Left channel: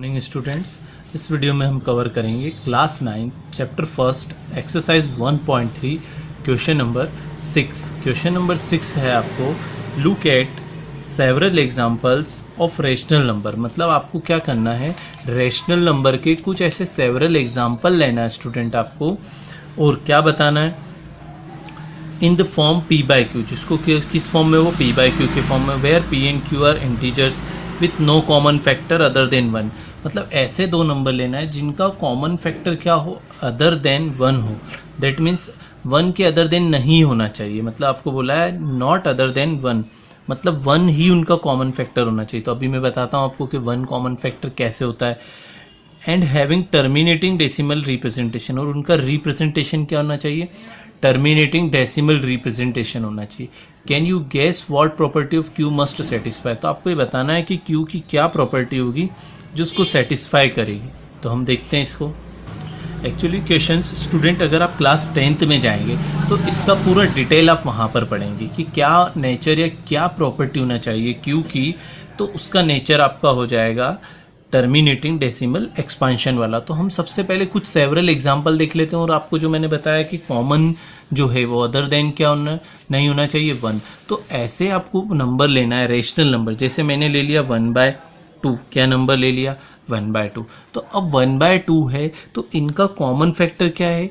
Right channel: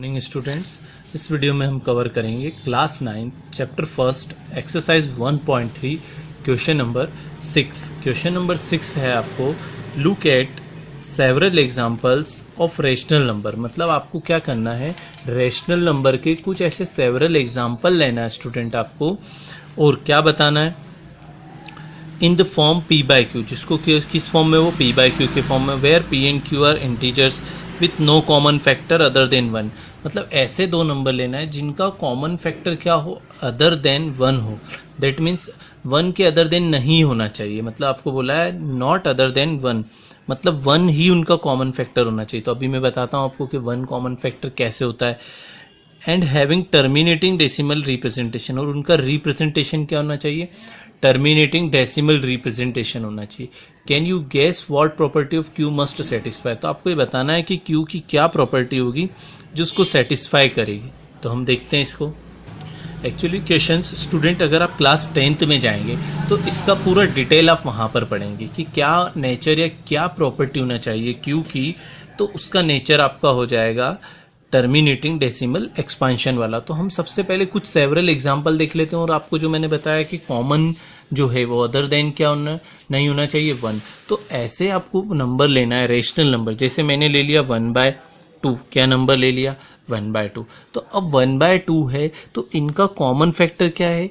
Morning students. इस video में हम कवर करेंगे class 9 chapter first exercise 1.3 question number 6। Question number 6 है आपको look at several examples of rational number. मतलब आपको क्या करना है, रेशनल नंबर के कुछ ऐसे सेवरल एग्जांपल लेना है स्टूडेंट आपको, और क्या बताना है in the form P by Q, जिसको किस फॉर्म में, वो पी बाई क्यू के फॉर्म में, where P and Q are integers with no common factor other than 1। मतलब ऐसे दो नंबर लेना है जिनका कॉमन फैक्टर क्या हो, अदर देन 1 हो। दैट मीन्स 1 के अदर देन नहीं होना चाहिए। मतलब आपको बोला है नॉट अदर देन 1, मतलब 1 ही उनका कॉमन फैक्टर होना चाहिए। तो अभी मैं बताता हूँ आपको कि 1 कॉमन फैक्टर कैसे होता है। And having terminating decimal representation, और उनका रिप्रेजेंटेशन क्या होना चाहिए, टर्मिनेटिंग डेसिमल रिप्रेजेंटेशन होना चाहिए। Can you guess what property of Q must satisfy. तो आपको ये बताना है कि क्यू की क्या प्रॉपर्टी होगी जो उसको सेटिस्फाई करेगी। तो हम देखते हैं इसको। एक्चुअली क्वेश्चंस स्टूडेंट अगर आप क्लास 10th में जाएंगे तो इसका पूरा डिटेल आप वहाँ पर पढ़ेंगे कि क्या नेचर या क्या प्रॉपर्टी होना चाहिए क्यू की। तो उसका नेचर आपका हो जाएगा टर्मिनेटिंग डेसिमल एक्सपांशन वाला। तो हम सबसे पहले कुछ सेवरल एग्जांपल देख लेते हैं, और आपको जो मैंने बताया कि कॉमन जो है वो अदर देन क्या होना नहीं होना चाहिए 1। तो ऐसे आपको नंबर लेना है रेशनल नंबर। जैसे मैंने ले लिया 1/2, क्या नंबर ले लिया 1/2। तो अब 1/2 है तो इनका कॉमन फैक्टर क्या है,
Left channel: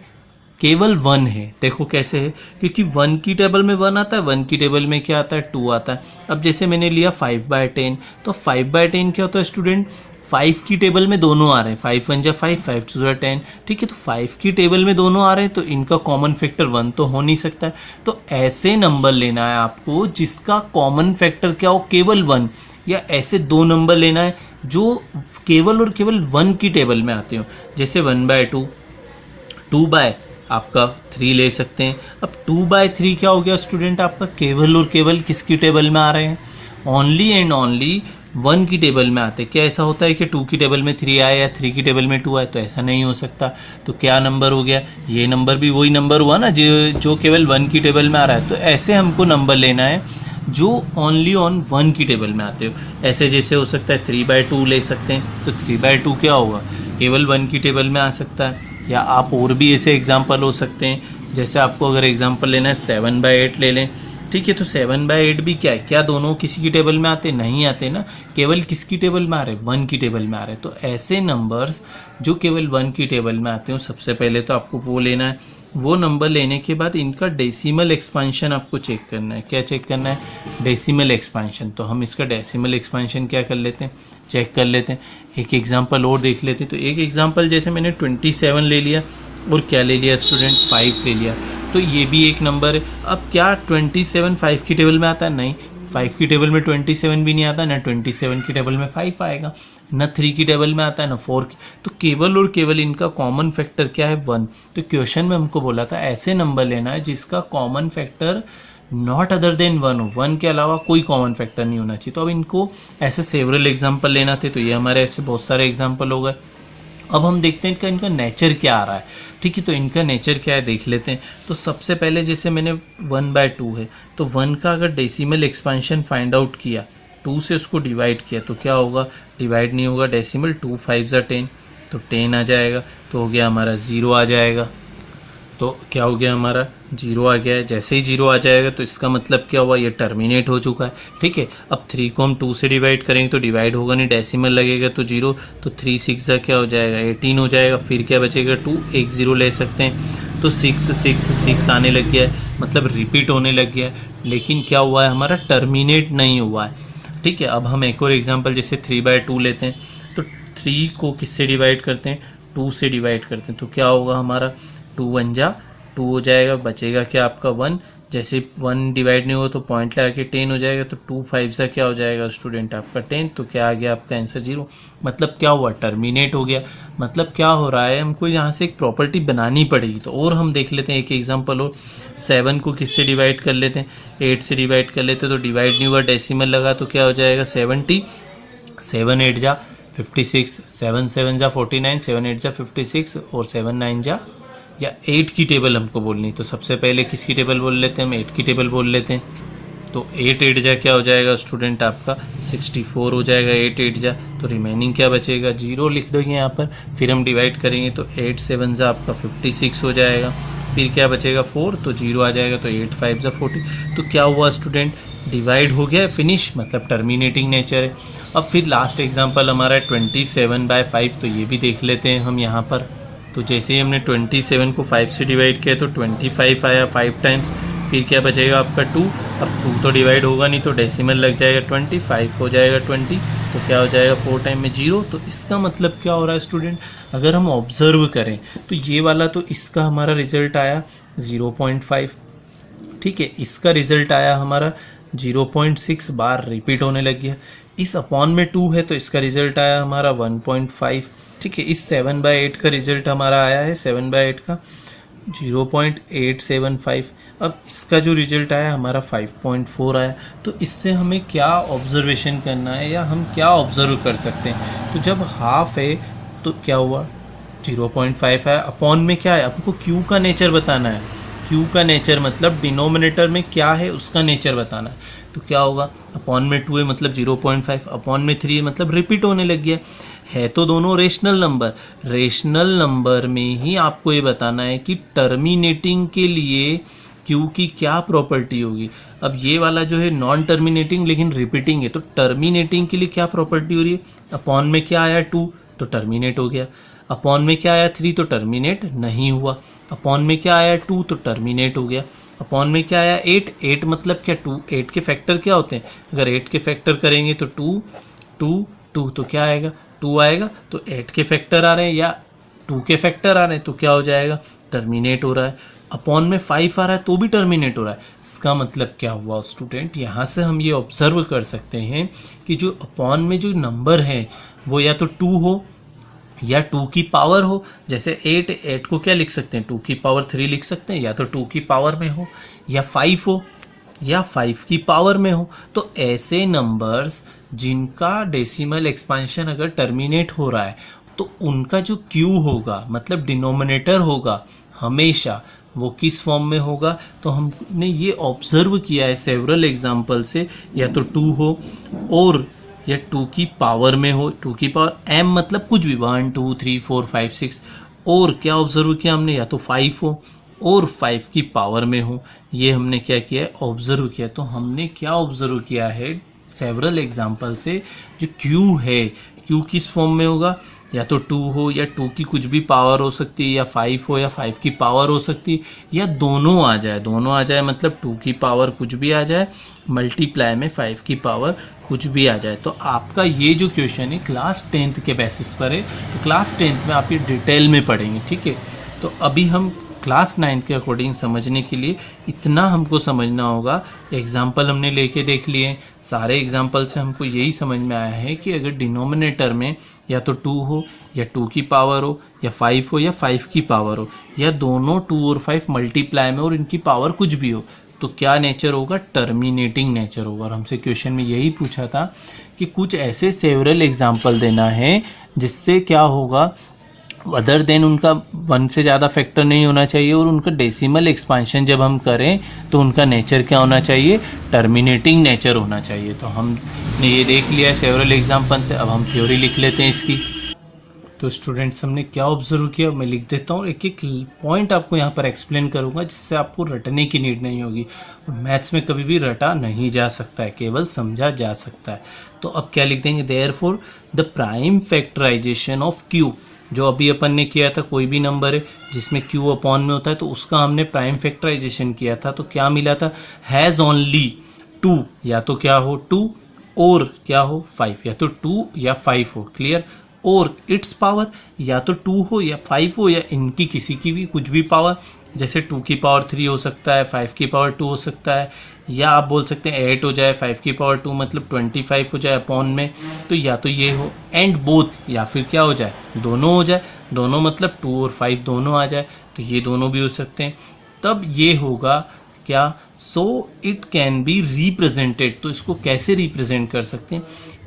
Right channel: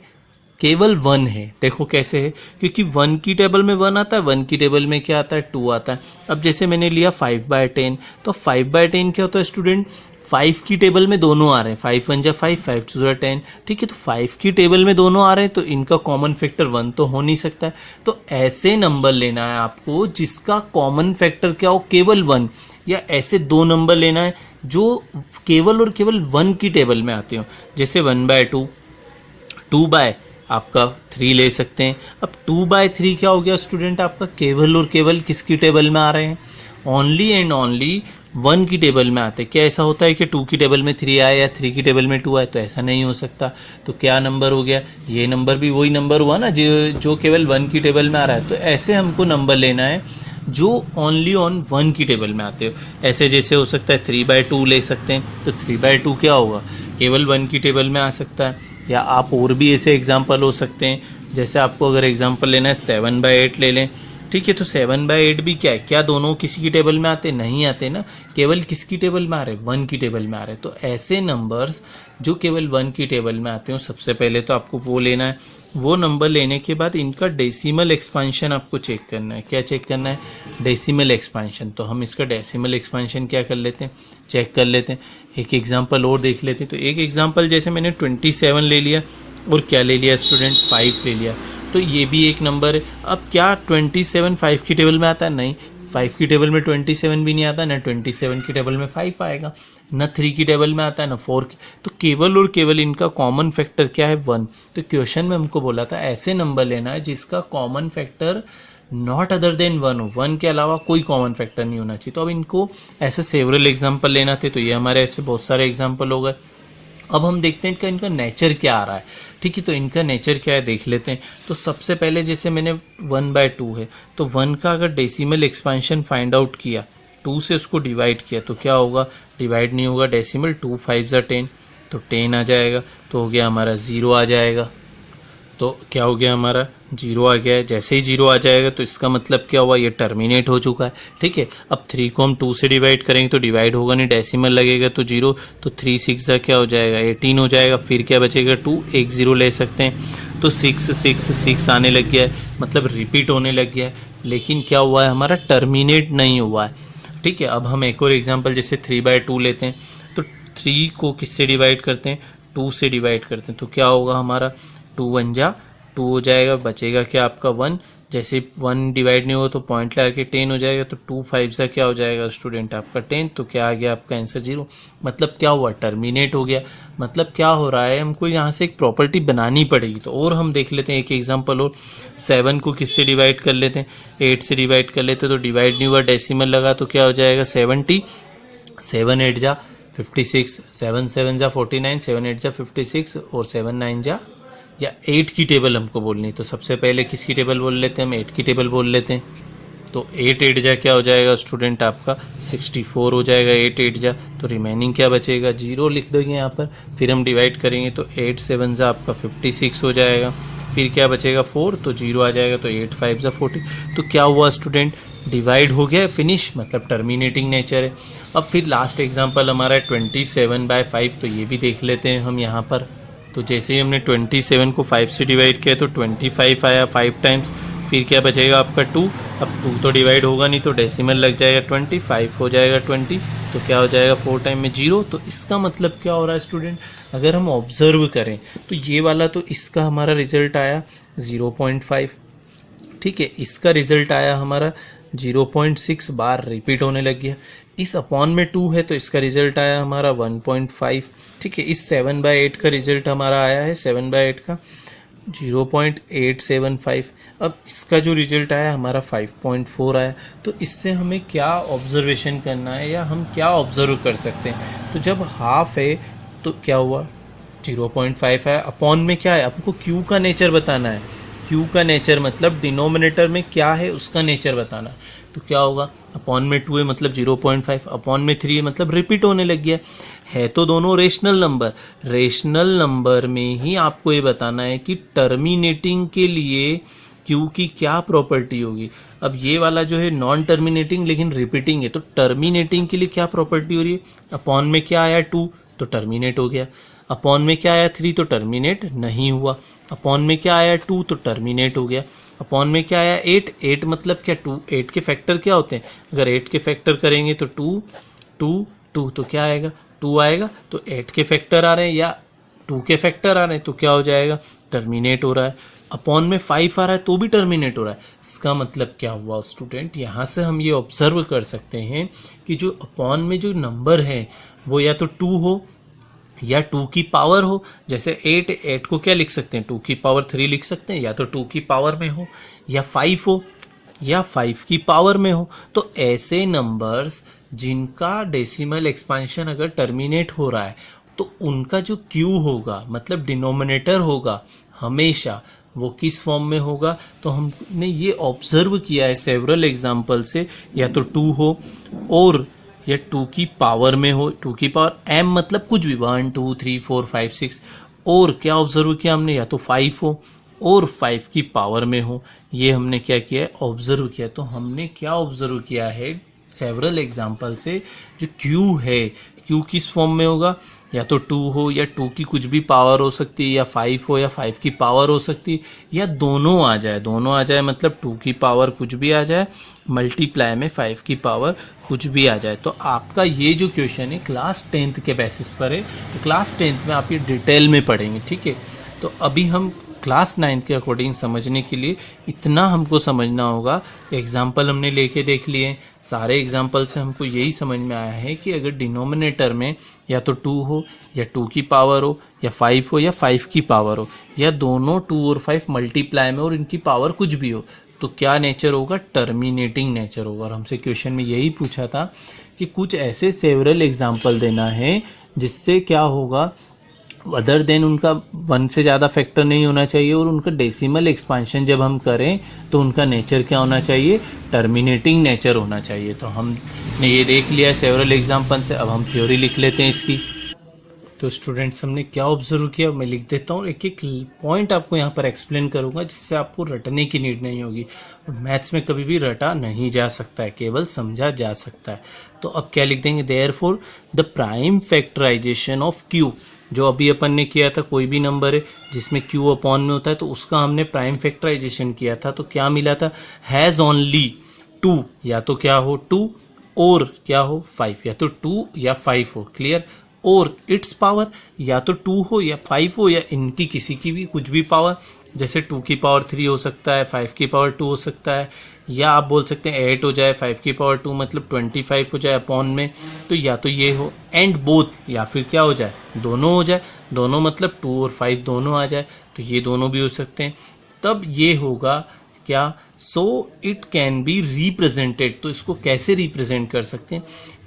केवल 1 है। देखो कैसे है, क्योंकि 1 की टेबल में 1 आता है, 1 की टेबल में क्या आता है 2 आता है। अब जैसे मैंने लिया 5/10, तो 5/10 क्या होता है स्टूडेंट, 5 की टेबल में दोनों आ रहे हैं, 5 1 जा 5, 5 2 जा 10। ठीक है, तो 5 की टेबल में दोनों आ रहे हैं तो इनका कॉमन फैक्टर 1 तो हो नहीं सकता है। तो ऐसे नंबर लेना है आपको जिसका कॉमन फैक्टर क्या हो, केवल 1, या ऐसे दो नंबर लेना है जो केवल और केवल 1 की टेबल में आते हो। जैसे 1/2, 2/3 ले सकते हैं। अब 2/3 क्या हो गया स्टूडेंट, आपका केवल और केवल किसकी टेबल में आ रहे हैं, ओनली एंड ओनली 1 की टेबल में आते। क्या ऐसा होता है कि 2 की टेबल में 3 आए या 3 की टेबल में 2 आए, तो ऐसा नहीं हो सकता। तो क्या नंबर हो गया, ये नंबर भी वही नंबर हुआ ना जो केवल 1 की टेबल में आ रहा है। तो ऐसे हमको नंबर लेना है जो ओनली ऑन 1 की टेबल में आते हो। ऐसे जैसे हो सकता है 3/2 ले सकते हैं, तो 3/2 क्या होगा, केवल 1 की टेबल में आ सकता है। या आप और भी ऐसे एग्जाम्पल हो सकते हैं, जैसे आपको अगर एग्जाम्पल लेना है 7/8 ले लें। ठीक है, तो 7/8 भी क्या है, क्या दोनों किसी की टेबल में आते, नहीं आते ना, केवल किसकी टेबल में आ रहे, 1 की टेबल में आ रहे। तो ऐसे नंबर्स जो केवल 1 की टेबल में आते हैं सबसे पहले तो आपको वो लेना है। वो नंबर लेने के बाद इनका डेसिमल एक्सपांशन आपको चेक करना है। क्या चेक करना है, डेसिमल एक्सपांशन। तो हम इसका डेसिमल एक्सपांशन क्या कर लेते हैं, चेक कर लेते हैं। एक एग्जांपल और देख लेते हैं। तो एक एग्जांपल जैसे मैंने 27 ले लिया, और क्या ले लिया स्टूडेंट, 5 ले लिया। तो ये भी एक नंबर है। अब क्या 27 5 की टेबल में आता है, नहीं, 5 की टेबल में 27 भी नहीं आता, ना 27 की टेबल में 5 आएगा, ना 3 की टेबल में आता है, ना 4 की। तो केवल और केवल इनका कॉमन फैक्टर क्या है, 1। तो क्वेश्चन में हमको बोला था ऐसे नंबर लेना है जिसका common factor not other than 1 हो, 1 के अलावा कोई कॉमन फैक्टर नहीं होना चाहिए। तो अब इनको ऐसे सेवरल एग्जाम्पल लेना थे, तो ये हमारे ऐसे बहुत सारे एग्जाम्पल हो गए। अब हम देखते हैं इनका नेचर क्या आ रहा है। ठीक है, तो इनका नेचर क्या है देख लेते हैं। तो सबसे पहले जैसे मैंने 1/2 है, तो 1 का अगर डेसिमल एक्सपांशन फाइंड आउट किया, 2 से उसको डिवाइड किया, तो क्या होगा, डिवाइड नहीं होगा, डेसिमल 2 5 जा 10, तो 10 आ जाएगा। तो हो गया हमारा 0 आ जाएगा। तो क्या हो गया, हमारा 0 आ गया है। जैसे ही 0 आ जाएगा तो इसका मतलब क्या हुआ, ये टर्मिनेट हो चुका है। ठीक है, अब 3 को हम 2 से डिवाइड करेंगे तो डिवाइड होगा नहीं, डेसिमल लगेगा तो 0। तो 3 6 का क्या हो जाएगा, 18 हो जाएगा। फिर क्या बचेगा, 2, एक 0 ले सकते हैं। तो 6 6 6 आने लग गया है, मतलब रिपीट होने लग गया है, लेकिन क्या हुआ है, हमारा टर्मिनेट नहीं हुआ है। ठीक है, अब हम एक और एग्जाम्पल जैसे 3/2 लेते हैं। तो 3 को किससे डिवाइड करते हैं, 2 से डिवाइड करते हैं। तो क्या होगा, हमारा 2 1 जा 2 हो जाएगा, बचेगा क्या आपका 1। जैसे 1 डिवाइड नहीं होगा तो पॉइंट लगा के 10 हो जाएगा। तो 2 5 से क्या हो जाएगा स्टूडेंट, आपका 10। तो क्या आ गया आपका आंसर 0। मतलब क्या हुआ, टर्मिनेट हो गया। मतलब क्या हो रहा है, हमको यहाँ से एक प्रॉपर्टी बनानी पड़ेगी। तो और हम देख लेते हैं एक एग्जाम्पल और। 7 को किससे डिवाइड कर लेते हैं, 8 से डिवाइड कर लेते हैं। तो डिवाइड नहीं हुआ, डेसिमल लगा, तो क्या हो जाएगा 70। 7 8 जा 56, 7 7 जा 49, 7 8 जा 56, और 7 9 जा, या 8 की टेबल हमको बोलनी। तो सबसे पहले किसकी टेबल बोल लेते हैं, हम 8 की टेबल बोल लेते हैं। तो 8 8 जा क्या हो जाएगा स्टूडेंट आपका 64 हो जाएगा। 8 8 जा तो रिमेनिंग क्या बचेगा 0 लिख देंगे यहाँ पर। फिर हम डिवाइड करेंगे तो 8 7 जा आपका 56 हो जाएगा। फिर क्या बचेगा 4 तो 0 आ जाएगा, तो 8 5 जा 40। तो क्या हुआ स्टूडेंट डिवाइड हो गया, फिनिश, मतलब टर्मिनेटिंग नेचर है। अब फिर लास्ट एग्जांपल हमारा है 27/5, तो ये भी देख लेते हैं हम यहाँ पर। तो जैसे ही हमने 27 को 5 से डिवाइड किया तो 25 आया 5 टाइम्स। फिर क्या बचेगा आपका 2। अब 2 तो डिवाइड होगा नहीं तो डेसिमल लग जाएगा 25 हो जाएगा 20, तो क्या हो जाएगा 4 टाइम में 0। तो इसका मतलब क्या हो रहा है स्टूडेंट, अगर हम ऑब्जर्व करें तो ये वाला तो इसका हमारा रिजल्ट आया 0.5, ठीक है। इसका रिजल्ट आया हमारा 0.6 बार रिपीट होने लग गया। इस अपॉन में 2 है तो इसका रिजल्ट आया हमारा 1.5, ठीक है। इस 7/8 का रिजल्ट हमारा आया है 7/8 का 0.875। अब इसका जो रिजल्ट आया हमारा 5.4 आया। तो इससे हमें क्या ऑब्जर्वेशन करना है या हम क्या ऑब्जर्व कर सकते हैं, तो जब हाफ है तो क्या हुआ 0.5 है। अपॉन में क्या है, आपको क्यू का नेचर बताना है। क्यू का नेचर मतलब डिनोमिनेटर में क्या है उसका नेचर बताना है। तो क्या होगा, अपॉन में 2 है मतलब 0.5, अपॉन में 3 है मतलब रिपीट होने लग गया है। तो दोनों रेशनल नंबर, रेशनल नंबर में ही आपको ये बताना है कि टर्मिनेटिंग के लिए क्यू की क्या प्रॉपर्टी होगी। अब ये वाला जो है नॉन टर्मिनेटिंग लेकिन रिपीटिंग है, तो टर्मिनेटिंग के लिए क्या प्रॉपर्टी हो रही है, अपॉन में क्या आया 2 तो टर्मिनेट हो गया, अपॉन में क्या आया 3 तो टर्मिनेट नहीं हुआ, अपॉन में क्या आया 2 तो टर्मिनेट हो गया, अपॉन में क्या आया 8, 8 मतलब क्या 2, 8 के फैक्टर क्या होते हैं, अगर 8 के फैक्टर करेंगे तो 2 2 2 तो क्या आएगा 2 आएगा। तो 8 के फैक्टर आ रहे हैं या 2 के फैक्टर आ रहे हैं तो क्या हो जाएगा टर्मिनेट हो रहा है। अपॉन में 5 आ रहा है तो भी टर्मिनेट हो रहा है। इसका मतलब क्या हुआ स्टूडेंट, यहाँ से हम ये ऑब्जर्व कर सकते हैं कि जो अपॉन में जो नंबर है वो या तो 2 हो या 2 की पावर हो। जैसे 8 को क्या लिख सकते हैं 2 की पावर 3 लिख सकते हैं, या तो 2 की पावर में हो, या 5 हो या 5 की पावर में हो। तो ऐसे नंबर्स जिनका डेसिमल एक्सपेंशन अगर टर्मिनेट हो रहा है तो उनका जो क्यू होगा मतलब डिनोमिनेटर होगा हमेशा वो किस फॉर्म में होगा। तो हमने ये ऑब्जर्व किया है सेवरल एग्जाम्पल से, या तो 2 हो और या 2 की पावर में हो, 2 की पावर m मतलब कुछ भी 1 2 3 4 5 6, और क्या ऑब्जर्व किया हमने, या तो 5 हो और 5 की पावर में हो। ये हमने क्या किया है ऑब्जर्व किया। तो हमने क्या ऑब्जर्व किया है सेवरल एग्जाम्पल से, जो क्यू है क्यू किस फॉर्म में होगा, या तो 2 हो या 2 की कुछ भी पावर हो सकती है, या 5 हो या 5 की पावर हो सकती है, या दोनों आ जाए। दोनों आ जाए मतलब 2 की पावर कुछ भी आ जाए मल्टीप्लाई में 5 की पावर कुछ भी आ जाए। तो आपका ये जो क्वेश्चन है क्लास 10th के बेसिस पर है, तो क्लास 10th में आप ये डिटेल में पढ़ेंगे, ठीक है। तो अभी हम क्लास 9 के अकॉर्डिंग समझने के लिए इतना हमको समझना होगा। एग्जाम्पल हमने लेके देख लिए, सारे एग्जाम्पल से हमको यही समझ में आया है कि अगर डिनोमिनेटर में या तो 2 हो या 2 की पावर हो, या 5 हो या 5 की पावर हो, या दोनों 2 और 5 मल्टीप्लाई में और इनकी पावर कुछ भी हो, तो क्या नेचर होगा टर्मिनेटिंग नेचर होगा। और हमसे क्वेश्चन में यही पूछा था कि कुछ ऐसे सेवरल एग्जाम्पल देना है जिससे क्या होगा अदर देन उनका 1 से ज़्यादा फैक्टर नहीं होना चाहिए, और उनका डेसिमल एक्सपेंशन जब हम करें तो उनका नेचर क्या होना चाहिए टर्मिनेटिंग नेचर होना चाहिए। तो हमने ये देख लिया सेवरल एग्जाम्पल से। अब हम थ्योरी लिख लेते हैं इसकी। तो स्टूडेंट्स हमने क्या ऑब्जर्व किया मैं लिख देता हूँ, एक एक पॉइंट आपको यहाँ पर एक्सप्लेन करूँगा जिससे आपको रटने की नीड नहीं होगी। मैथ्स में कभी भी रटा नहीं जा सकता है, केवल समझा जा सकता है। तो अब क्या लिख देंगे, therefore the prime factorization of Q, जो अभी अपन ने किया था, कोई भी नंबर है जिसमें क्यू अपॉन में होता है तो उसका हमने प्राइम फैक्टराइजेशन किया था, तो क्या मिला था, हैज़ ओनली 2, या तो क्या हो 2 और क्या हो 5, या तो 2 या 5 हो, क्लियर, और इट्स पावर या तो 2 हो या 5 हो या इनकी किसी की भी कुछ भी पावर, जैसे 2 की पावर 3 हो सकता है, 5 की पावर 2 हो सकता है, या आप बोल सकते हैं 8 हो जाए, 5 की पावर 2 मतलब 25 हो जाए अपॉन में, तो या तो ये हो, एंड बोथ, या फिर क्या हो जाए दोनों हो जाए, दोनों मतलब 2 और 5 दोनों आ जाए, तो ये दोनों भी हो सकते हैं। तब ये होगा क्या, so it can be represented, तो इसको कैसे रिप्रेजेंट कर सकते हैं,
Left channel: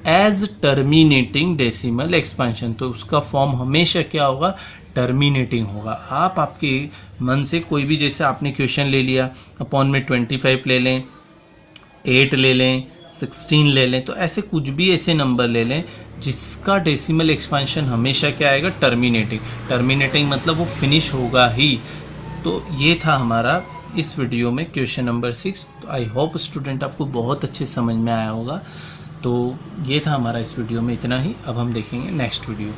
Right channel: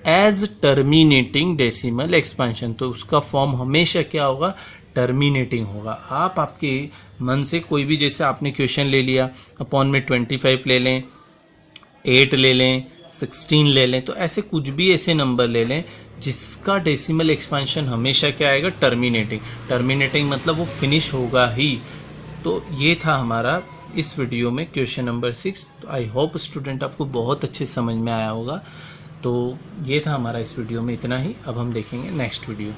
एज टर्मिनेटिंग डेसिमल एक्सपेंशन। तो उसका फॉर्म हमेशा क्या होगा टर्मिनेटिंग होगा। आप आपके मन से कोई भी, जैसे आपने क्वेश्चन ले लिया अपॉन में 25 ले लें, 8 ले लें, 16 ले लें, तो ऐसे कुछ भी ऐसे नंबर ले लें जिसका डेसिमल एक्सपेंशन हमेशा क्या आएगा, टर्मिनेटिंग। टर्मिनेटिंग मतलब वो फिनिश होगा ही। तो ये था हमारा इस वीडियो में क्वेश्चन नंबर 6। तो आई होप स्टूडेंट आपको बहुत अच्छे समझ में आया होगा। तो ये था हमारा इस वीडियो में इतना ही। अब हम देखेंगे नेक्स्ट वीडियो।